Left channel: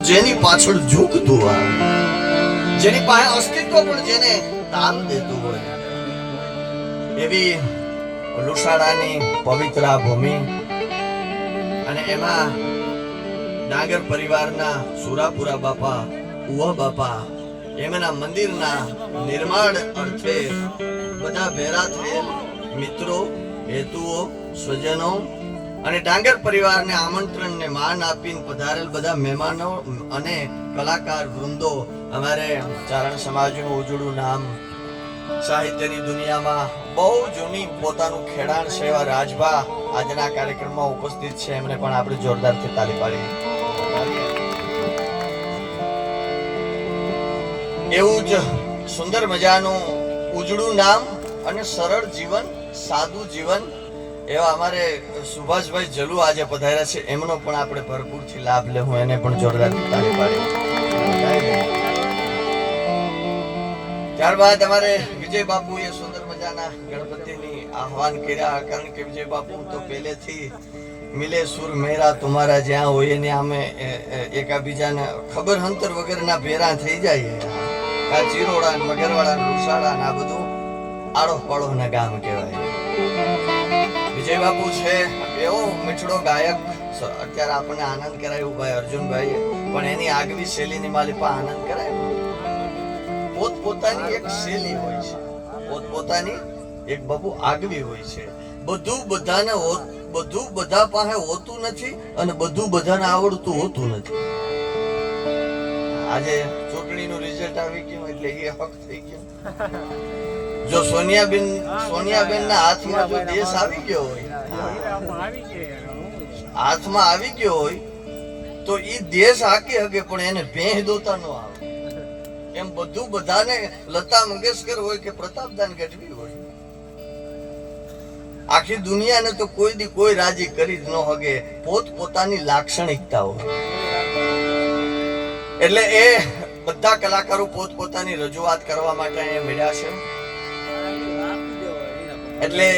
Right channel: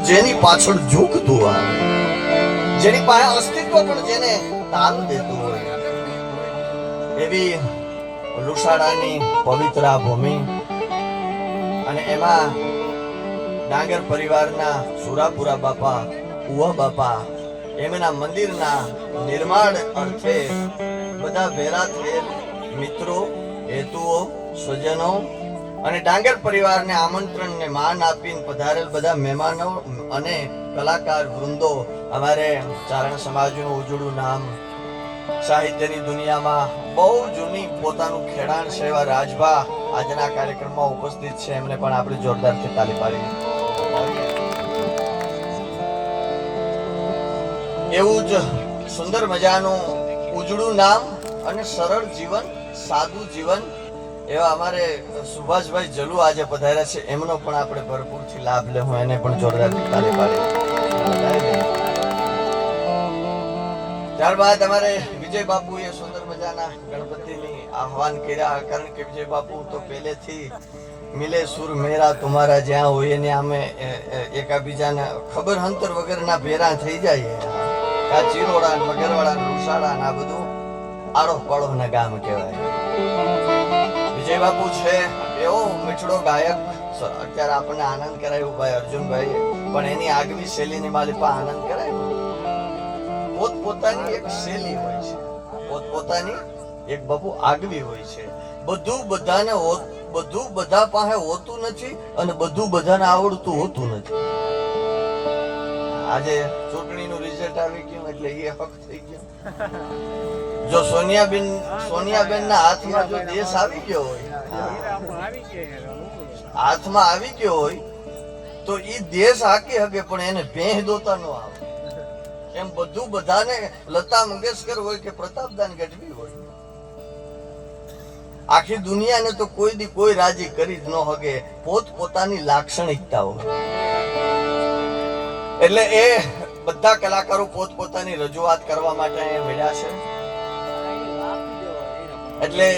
જેની પાછળ જુગ ધોવા જેની પાસે અસ્તિત્વ પણ જેને તાલ દેતું હોય. એવી લુસાડાની પવિત્ર ભૂમિ અને એમાં ડાંગર પરિવારના સુરાપુરા બાપા, ઉવા બાપા, એમના મંદિરના નિર્માણ અર્થે બધા ભેરા થયેલ મિત્રો, હેતુઓ, સ્વજનો અને ડાંગર પરિવારને આમંત્રણને માન આપીને પધારેલ બધા મહેમાનો અને કલાકાર, વૃંદો, અમારે ચારણ સમાજનું ઉજળું નામ, સાહિત્યની દુનિયામાં બહુ જૂની પોતાનું ખેડાણ એવા રાજભા આજના કાર્યક્રમમાં ઉપસ્થિત છે. એમને પણ આપણે જોરદારથી તાલી પાડી એવું જ સુંદર મજાનું ઉજળું નામ અને સરળ જીવન, સાદું જીવન એવા અમારે સુભાષભાઈ જલુ આજે પધાર્યા છે. એમનો પણ આપણે ભરપૂરથી લાભ લેવું એને પણ જોરદાર તાળી પાડી. ત્યારબાદ અમારે વિજય બાપુએ સુંદર મજાના ગણપતિની આહવાન કર્યા. કારણ કે વિજય બાપુ તો પહેલેથી મિલે સુર મેરા તમારા જ્યાં હોય ને અમે એ- એ- એકાબીજાને ખબર અંતર વગરના ભેરા થઈ જાય. આ ચીરોડા મગરવાડા રૂસાડા આ બધું આડો પાડો ના ગામ કહેવાય. વિજય બાપુ છે, એવો મીઠડો ગાયક. અત્યારે આપણને આનંદ કરાય ભાઈ અર્જુનભાઈ પણ એની આગવી શૈલીની માલિપા આનંદ કરાય. પોત પોતાની એક શૈલી હોય છે. પોત પોતાની એક બાપુ આગવી હોય છે. બધું બધાને બધું બધા પાસે હોતું નથી અને બધું બધાને આવડતું હોતું નથી. આજે ચૂંટણીનું રિઝલ્ટ આવી ગયું એટલે એ હક થઈ ગયો. જો સોનિયાબેન સોનિયાબેન ના હાથમાં જો દેશ આવી ગયો હોય, હાથમાં આવી ગયો હોય, તો એ દેશ હાકી હકે પણ એને ભેહ દોતા ન આવે. એમ બધું બધાને લતા મંગેશકર હોય કે પ્રતાપદાન ગઢવી હોય. આખી દુનિયાને તો કોઈ દી કોઈ રાજી કરી જ ન હગે. પોત પોતાની લાક્ષણિકતા હોય. એટલે એ બધા કલાકારો પોતપોતાની રજૂઆત કરવા માટે અહીંયા મળ્યા છે. એટલે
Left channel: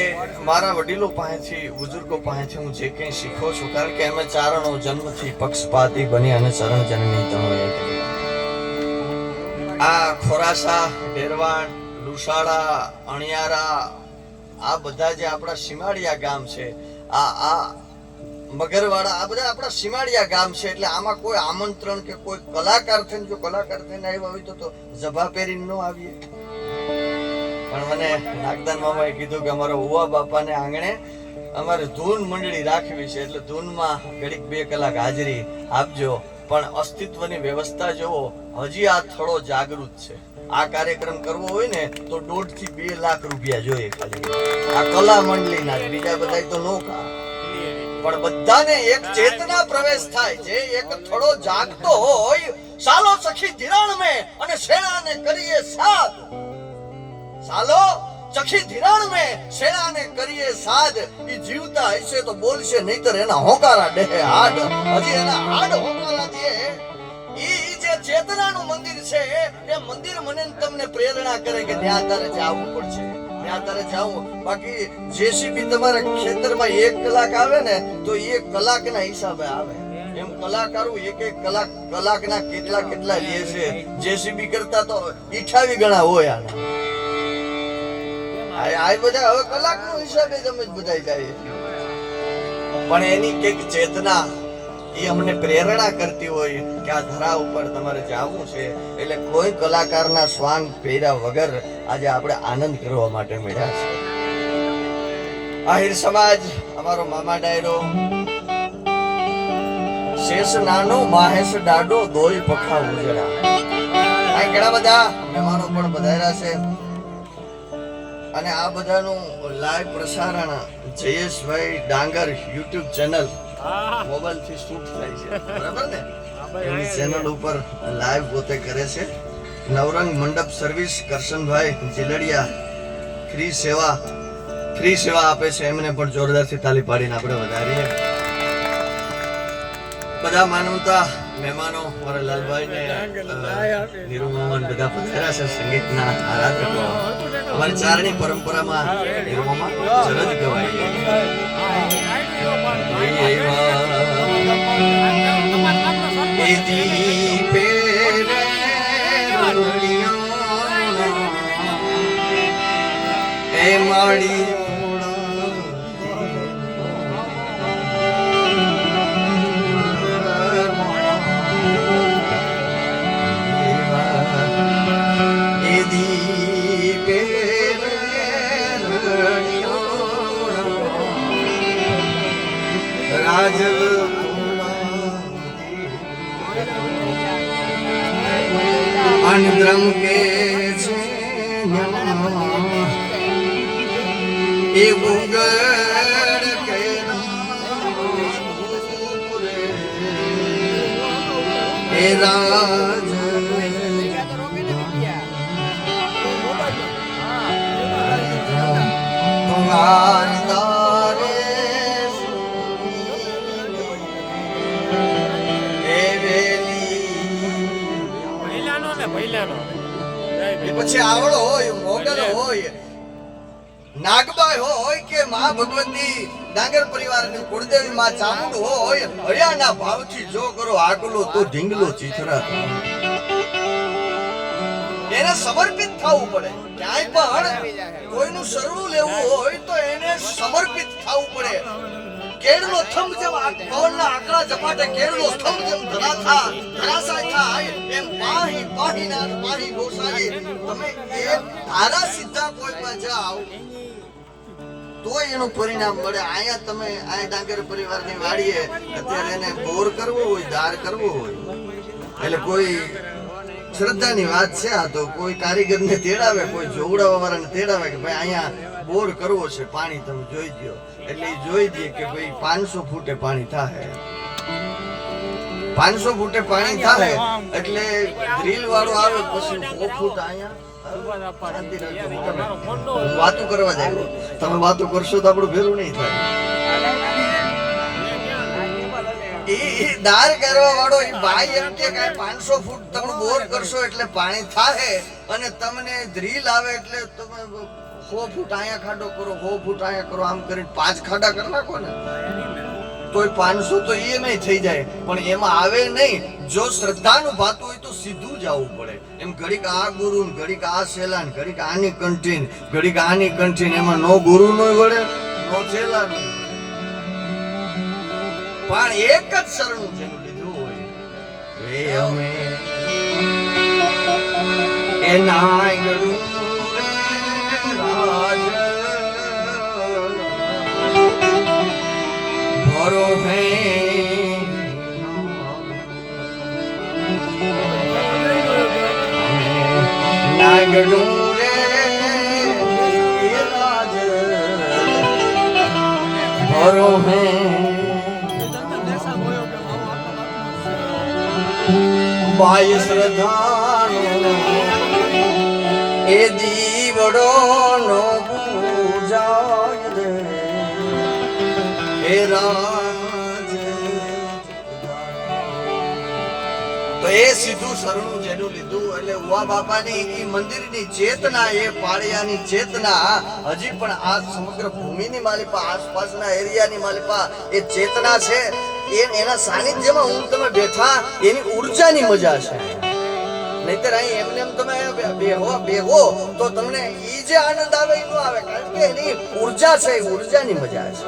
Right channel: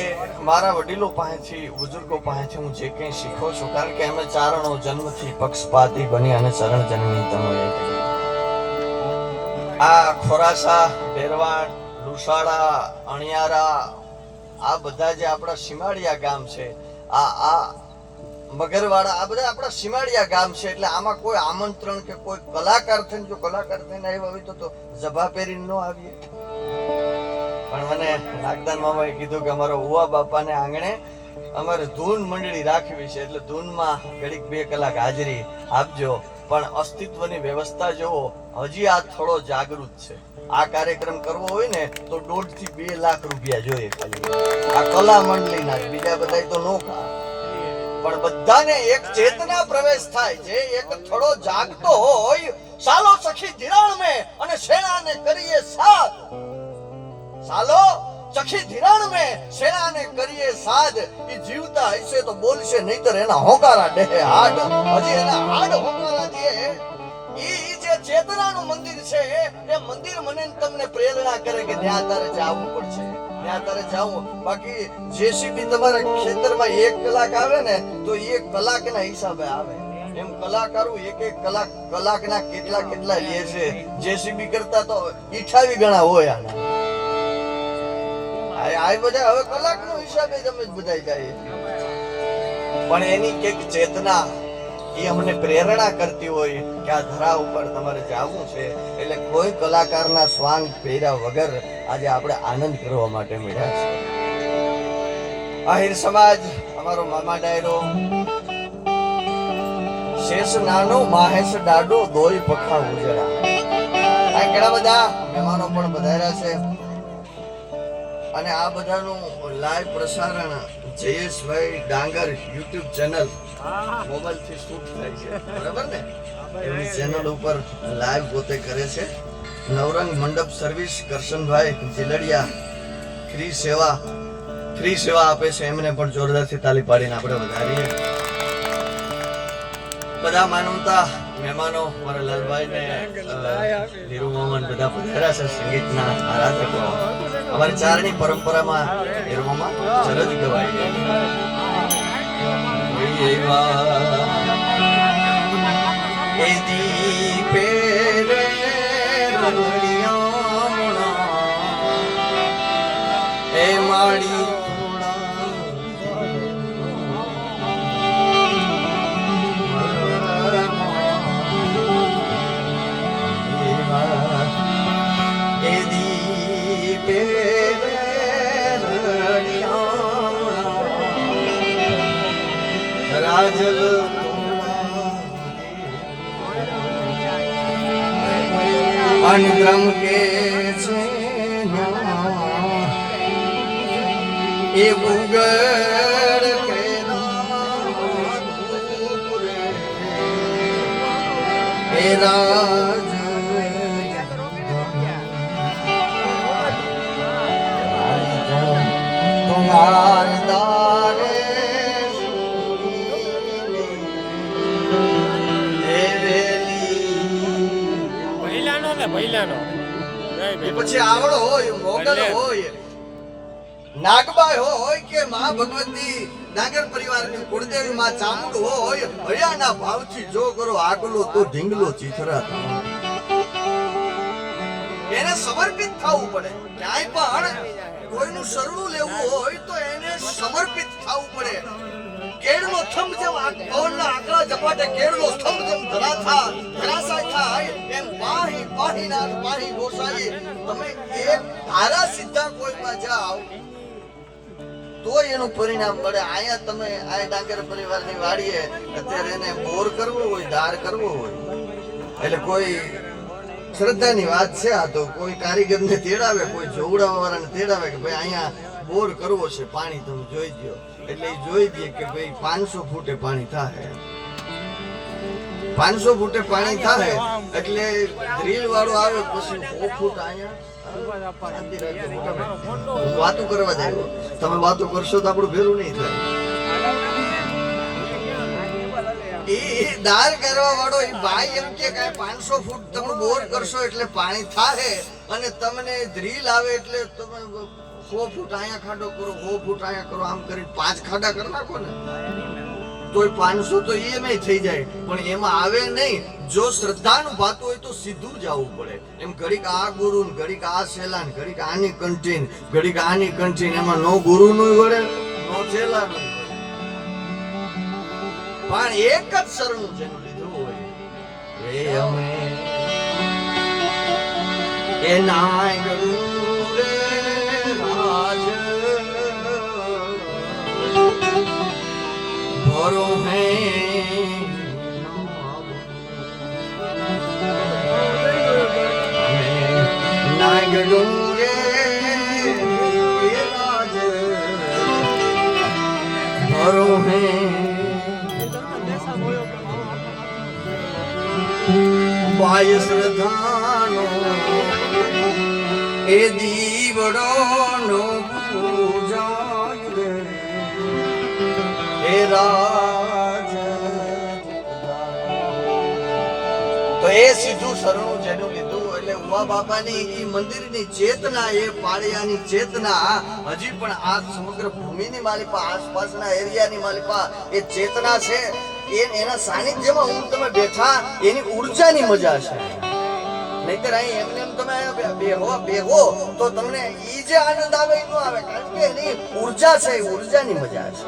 મારા વડીલો પાસેથી, બુઝુર્ગો પાસેથી હું જે કંઈ શીખો છું, કારણ કે અમે ચારણો જન્મથી પક્ષપાતી બની અને ચરણ જનની તનો આ ખોરાસા, ડેરવાણ, લુસાડા, અણિયારા, આ બધા જે આપણા સીમાડિયા ગામ છે, આ આ મગરવાડા, આ બધા આપણા સીમાડિયા ગામ છે, એટલે આમાં કોઈ આમંત્રણ કે કોઈ કલાકાર થઈને, જો કલાકાર થઈને આવ્યા હોય તો જભા પહેરીને ન આવીએ. પણ મને નાગદાન મામાએ કીધું કે અમારા ઉવા બાપાને આંગણે અમારે ધૂન મંડળી રાખવી છે, એટલે ધૂનમાં ઘડીક બે કલાક હાજરી આપજો. પણ અસ્તિત્વની વ્યવસ્થા જોવો હજી આ થોડો જાગૃત છે. આ કાર્યક્રમ કરવો હોય ને, તો દોઢથી બે લાખ રૂપિયા જોઈએ ખાલી. આ કલા મંડળીના બીજા બધા તો નો કા પણ બધાને એક ચેતના પ્રવેશ થાય. છે એક થોડો જાગતો હોય, સાલો સખી ધિરાણ મે અને શેણાને કરીએ સાદ. સાલો સખી ધિરાણ મે શેણાને કરીએ સાદ. એ જીવતા હશે તો બોલશે, નહીતર એના હોકારા ડેહે હાડ. હજી એના હાડ હોકારા દે ઈ જે ચેતનાનું મંદિર છે, એ મંદિર મને તમને પ્રેરણા કરે કે ત્યાં તારે જવું પડશે. ત્યાં તારે જવું બાકી જેસીબી તમારા ખેતરમાં એક કલાક આવે ને, તો એ કલાકના હિસાબે આવે. એમ કલાકારો એક એક કલાક, કલાકના કેટલા કેટલા લે છે. જેસીબી કરતા તો ઈઠાવી ગણા હોય આને. આ બધા હવે કલાકનો હિસાબે તમે જ બધા જાય પણ એની કંઈક ચેતના એ અમને પ્રેરણા કરતી હોય કે આ ધરા ઉપર તમારે જાવું છે. એટલે કોઈ કલાકારના શ્વાન પહેર્યા વગર આજે આપણે આનંદ કરવા માટે મળ્યા છે. આહિર સમાજ, અમારો મામા ડાયરો, શેષ નાનો, માહેશ ડાડો, દોય પખા ઉજરા. ઘણા બધા મહેમાનો પણ બધાયા છે. અને આ બધાનું લાઈવ પ્રસારણ જયેશભાઈ ડાંગર યુટ્યુબ ચેનલ મોબાઈલથી શૂટ થાય છે. બરાબર ને? એમની ચેનલ ઉપર લાઈવ પોતે કરે છે. નવરંગ મંડપ સર્વિસ કરશનભાઈ જીલડિયા ફ્રી સેવા ફ્રી સેવા આપે છે. એમને પણ જોરદારથી તાલી પાડીને આપણે વધારીએ. બધા માનવતા મહેમાનો મારા લાલભાઈ ને ધીરુ મોહન બધા પધાર્યા છે સંગીતના આરાધકો. અમારી ચારણી પરંપરામાં નિર્મોમાં મામા ચરજ ગવાય. કોઈ એવા એ એ રાજલ અનગ્રમ કે ને પહેલાનો જય એ ભીમ. પછી આવડો હોય મોગલ હોય નાગબાઈ હોય કે માં ભગવતી નાગર પરિવારની કુળદેવી માં ચામુંડ હોય હરિયાના ભાવથી જો કરો આગલો તો ઢીંગલો ચીથરા એને સમર્પિત થવું પડે ક્યાંય પણ કોઈનું શરણું લેવું હોય તો એને સમર્પિત થવું પડે કેળનો થંભ જેમ ગોળના આકરા ઝપાટે કેળનો થંભ જેમ ધરાથા ધરાશાય થાય એમ પાહી, પાહીનાથ, પાહી ગોસાઈ તમે એક તારા સીધા કોઈમાં જાઓ તો એનું પરિણામ મળે. અહીંયા તમે આ ડાંગર પરિવારની વાડીએ, અત્યારે એને બોર કરવો હોય, ધાર કરવો હોય. એટલે કોઈ શ્રદ્ધાની વાત છે આ તો. કોઈ કારીગરને તેડાવે, કોઈ જોવડાવવા વાળાને તેડાવે કે ભાઈ અહીંયા બોર કરવો છે, પાણી તમે જોઈ દો એટલે જોઈ દે કે ભાઈ પાંચસો ફૂટે પાણી થાય. પાંચસો ફૂટે પાણી થાય, એટલે ડ્રીલ વાળો આવે પછી સો ફૂટ અહીંયા. શાંતિ રાખજો, મોટા વાતું કરવા જાય તમે વાતો કરશો તો આપણું ભેરું નહીં થાય. એ કરવા વાળો એ ભાઈ એમ કે કાંઈ પાંચસો ફૂટ તમે બોર કરશો એટલે પાણી થાય અને તમને ડ્રીલ આવે એટલે તમે સો ફૂટ અહીંયા ખાડો કરો, સો ફૂટ અહીંયા કરો, આમ કરીને પાંચ ખાડા કરી નાખો ને. તોય પાંચસો તો એ નહીં થઈ જાય. પણ એમાં આવે નહીં. જો શ્રદ્ધાનું ભાતું હોય તો સીધું જવું પડે. એમ ઘડીક આ ગુરુ ઘડીક આ સેલાન ઘડીક આની કંઠીન ઘડીક આની કંઠીન એમાં નો ગુરુ નો વળે, નો સેલા નો પણ એક જ શરણું જેનું લીધું હોય એ અમે એ નાયગરું રે શ્રદ્ધાનો એ દીવડો નો પૂજા હે રાજ તો એ સીધું શરણું લીધું બાપાની ઈ મંદિરની ચેતના, એ પાળિયાની ચેતના. હજી પણ આ સમગ્ર ભૂમિની માલિપા, આસપાસના એરિયાની માલિપા, એ ચેતના છે. એ એના સાનિધ્યમાં હું તમે બેઠા, એની ઉર્જાની મજા છે. નહીતર અહીં એમને એમ તમે બેહો બેહો, તો તમને ઈ જે આનંદ આવે એ આવે, કારણ કે એની ઊર્જા છે, એ ઉર્જાની મજા છે.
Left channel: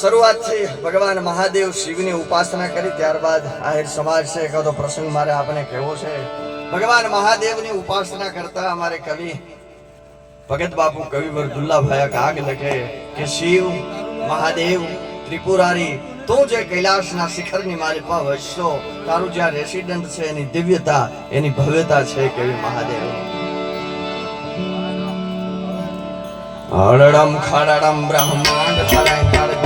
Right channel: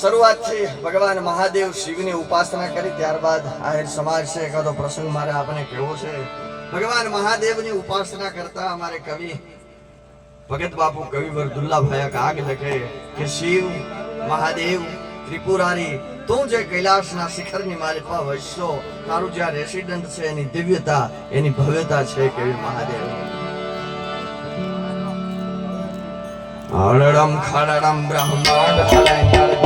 શરૂઆતથી ભગવાન મહાદેવ શિવની ઉપાસના કરી, ત્યારબાદ આહિર સમાજ છે. એકાદો પ્રસંગ મારે આપણે કહેવો છે. ભગવાન મહાદેવની ઉપાસના કરતા અમારે કવિ, ભગત બાપુ કવિવર દુલ્લાભાઈ કાગ લખે કે, શિવ, મહાદેવ, ત્રિપુરારી, તું જે કૈલાસના શિખરની માલિકમાં વસશો તારું જ્યાં રેસિડન્ટ છે, એની દિવ્યતા, એની ભવ્યતા છે કેવી મહાદેવ. હળડમ ખડડમ બ્રહ્માંડ